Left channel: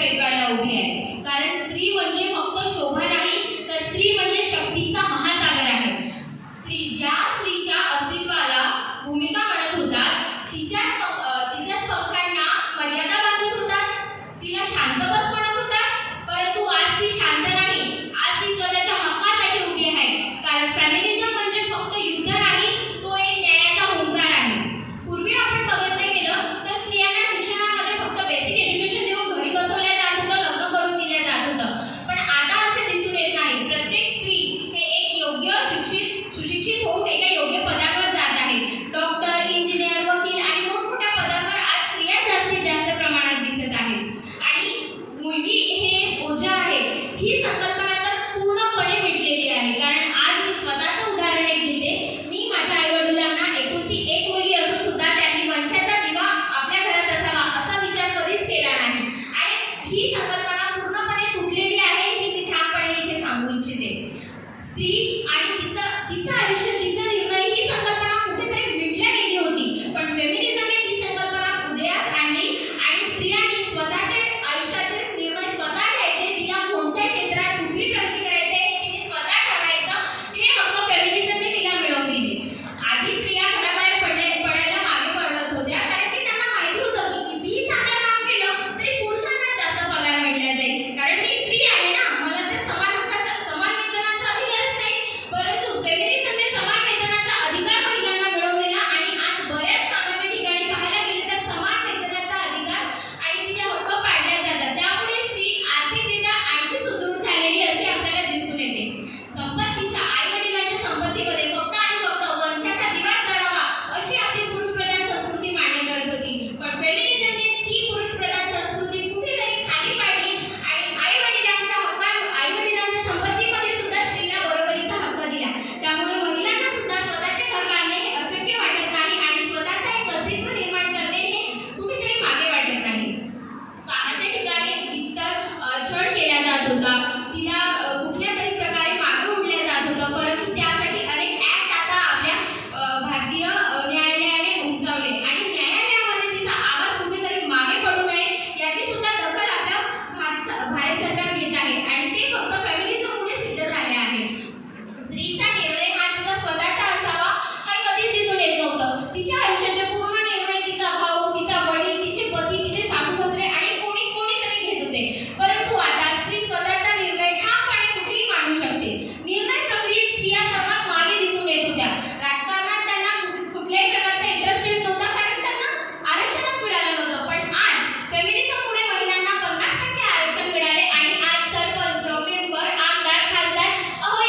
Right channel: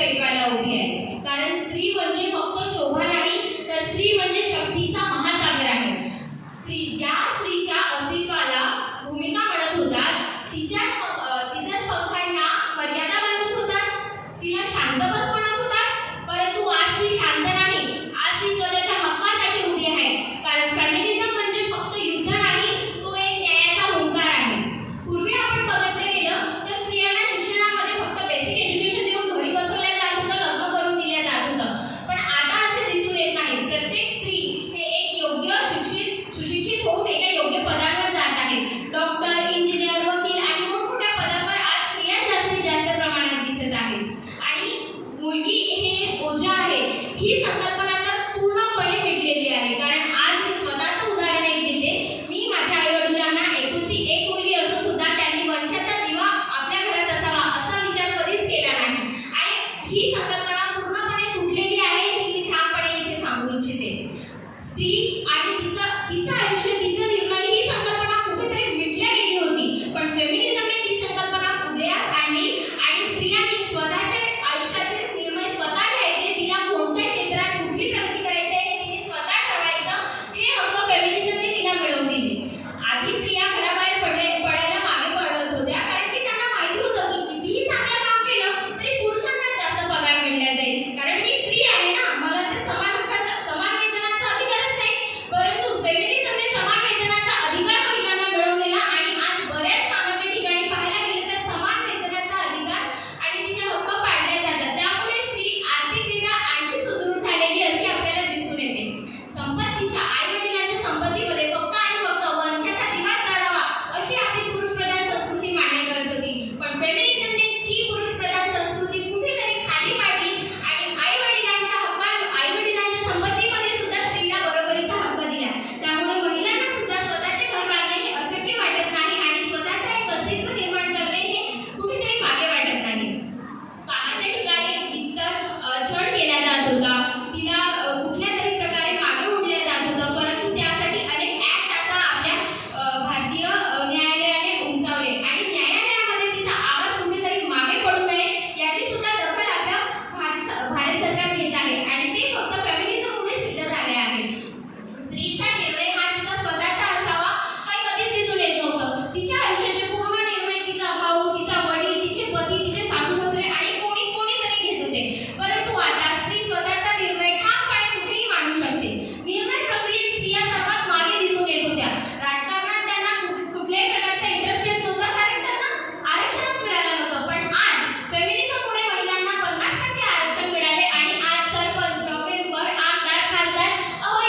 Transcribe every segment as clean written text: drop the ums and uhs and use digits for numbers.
पेटवायला उभी आहे. कारण स्त्री म्हणजे फक्त शोभा नाही, तर स्त्री म्हणजे शक्तीचा महासागर आहे. ज्या स्त्रीच्या अस्तित्वाला भूमिका म्हणत होतात, तिच्याच पंखांना मर्यादा बांधत होतात, तिला शांत बस म्हणत होतात, परंतु आज ती शांत नाही. आज ती स्वतःच्या हक्कासाठी उभी आहे. कारण फेमिनिझम म्हणजे फक्त युद्ध नाही, तो एक न्यायाचा हुंकार आहे. पूर्वी आपण बघितलं गेलं तर स्त्रियांना शिक्षणामध्ये फक्त बेसिक एज्युकेशन देऊन घरी बसवल्या जात होतं, लग्न करून दिल्या जात होतं. पण आता असे दिसून येत नाही. प्रत्येक स्त्री हे एक योग्य सुशिक्षित होऊन एका योग्य पदांवर जात आहे. डॉक्टर, इंजिनियर, वकील आणि मोठमोठ्या पदांवर आज स्त्रिया जास्तीत जास्त प्रमाणात दिसत आहेत. आणि मुलगी हे ओझा आहे ही संकल्पना तर पूर्णपणे मिटलेली आहे. कारण आज मी स्वतःचं उदाहरण एक देते. मी माझ्या आईवडिलांना एकुलती एक मुलगी असून सुद्धा त्यांनी वंशाचा दिवा आपल्या घरात असावा असा विचार कधीच केला नाही. आणि ही संकल्पना पूर्णपणे तुटलेली आहे हे मी ठामपणे इथे सांगू इच्छिते. स्त्री आणि तिचं आयुष्य, तिचा निर्णय ही संकल्पना कुठेतरी मिटल्या गेली होती. पण फेमिनिझमने ती संकल्पना उदयास आणली आणि स्त्रियांनी स्वतःचे आयुष्याचे निर्णय स्वतः घ्यायचे. तिला कोणत्या क्षेत्रात कुठली प्रगती करायची आहे हे तिने स्वतः ठरवायचं. हे हक्क फेमिनिझमने तिला मिळवून दिले. आधी स्त्रिया घराबाहेर पडायला मागे पडत होत्या, कारण की त्यांना माहिती होतं की कितीही चांगलं काम केलं तरी पुरुषांना जास्त पगार मिळला जाईल. कारण मी स्त्री आहे ना, मला तर समान वेतनाचा अधिकारच नाही. परंतु फेमिनिझमने समान वेतनाचा अधिकार महिलांना मिळवून दिला. आणि आज बऱ्याच कामाच्या ठिकाणी पाहायला गेले तर समान वेतनाचा अधिकार आणि तिचे हक्क पाळले जातात. त्यामुळे स्त्री आर्थिकरित्या आणखी सुदृढ झालेली असे आपल्याला दिसून येते. संपत्तीच्या, आईवडिलांच्या संपत्तीमध्ये फक्त आणि फक्त वंशाचा दिवा जळावा अशी आपली पुरुषप्रधान संस्कृती मान्य करत होती. पण फेमिनिझमने ती पुरुषप्रधान संस्कृती कुठेतरी खाली पाडली आणि आईवडिलांच्या संपत्तीमध्ये सुद्धा स्त्रीला बरोबरीचा हक्क दिला. त्यामुळे महिलांना सुद्धा स्वतःचे घर बांधणे हे अशक्य वाटत नाही आणि स्वतःचे एक अस्तित्व निर्माण करणे हे कुठेतरी मागे वाटत नाही. कामाच्या ठिकाणी इतर छळ केला जात होता, तिला कुठल्या तरी प्रकारे मागे ओढल्या जात होतं. परंतु त्यासाठी अनेक ऍक्ट आता आपल्या भारतीय न्यायालयाने उंचावले आणि न्यायालयामध्ये तिचा आवाज कुठेतरी मागे पडू नये याची सुद्धा दखल आपल्या भारत सरकार घेत आहे. आणि ते फक्त फेमिनिझममुळे सिद्ध झाले आहे. स्त्रीचा निर्णय हा तिचा स्वतःचा असावा हे कधीच दिसून येत नव्हतं. तिच्या आयुष्याचे पूर्ण निर्णय तिचा भाऊ, तिचा वडील, तिचे पती, तिचे सासू सासरे आणि कोणीतरी घेत होते. परंतु आता स्त्री स्वतःचा निर्णय ठामपणे कुठेही मांडू शकते. निर्णय प्रक्रियेत स्त्रिया सर्वात मागे दिसून येत होत्या. राजकारणात त्यांना कुठल्याही प्रकारचा इंटरेस्ट येत नव्हता, कारण त्यांना आरक्षणच मिळालं नव्हतं. पण आज फेमिनिझममुळे महिलांना 50% आरक्षण मिळाले आणि आज सरपंच, मेंबर, आमदार, खासदार,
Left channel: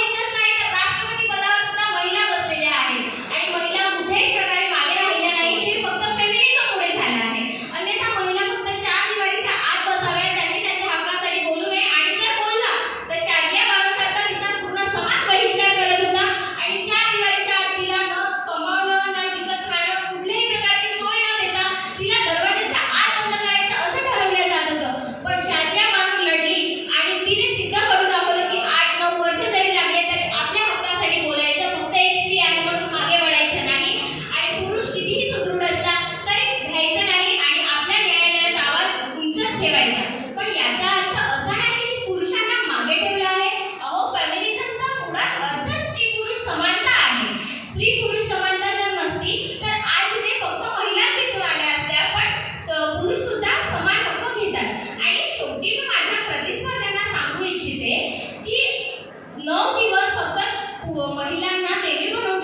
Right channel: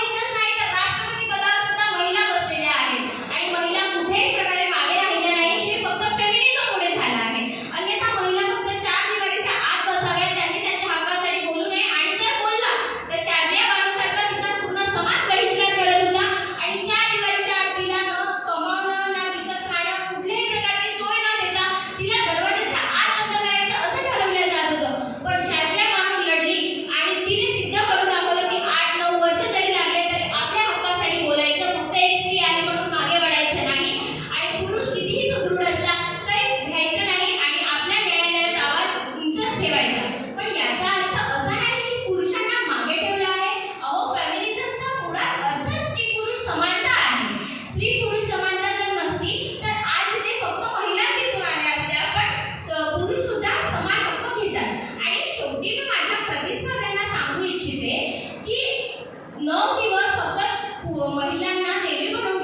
इतकंच नाही तर राष्ट्रपती पदावर सुद्धा महिला बसलेल्या आहेत. आणि महिला कुठेही प्रकारे मागे राहिल्या नाही. हे फक्त फेमिनिझममुळे झालं आहे. अन्यथा महिला फक्त 4 दिवारीच्या आत बसाव्या, त्यांनी त्यांच्या हक्कासाठी बोलू नये. आणि जर बोलला तर शाजिया बानोसारखा तिचा पूर्ण समाज बहिष्कार करत होता आणि 4 दिवारीच्या आत तिला न कमावणं ना तिचं खाणं, कुठल्याही प्रकारची सोय न देता तिला दरवाजाच्या आत बंद करायचं असं ठरवलं जात होतं. पण शाजिया बानो लढली आणि तिने सिद्ध करून दाखवलं की 8-9 वर्ष जरी लागले तरी आपल्या हक्कासाठी बोलायचं. फक्त एक स्त्री आहे म्हणून मागे वळायचं नाही आणि पुरुष कितीही सुदृढ असला तरी भ्यायचं नाही आणि आपल्या न्यायालयात आवाज उंचच ठेवायचा. पण याचा अर्थ असा नाही की पुरुषांना मागे ठेवलं आहे. फेमिनिझमचा मुळात अर्थच स्त्री पुरुष समानता आहे. स्त्री पुरुष समानता जर नसती तर आज इथे फक्त महिलाच दिसून आल्या असत्या, पण पुरुष सुद्धा समान हक्क घेतात. आणि शेवटी मी माझ्या प्रतिस्पर्ध्यांना सांगू इच्छिते की 9 दिवस फक्त महिलांना देवी म्हणून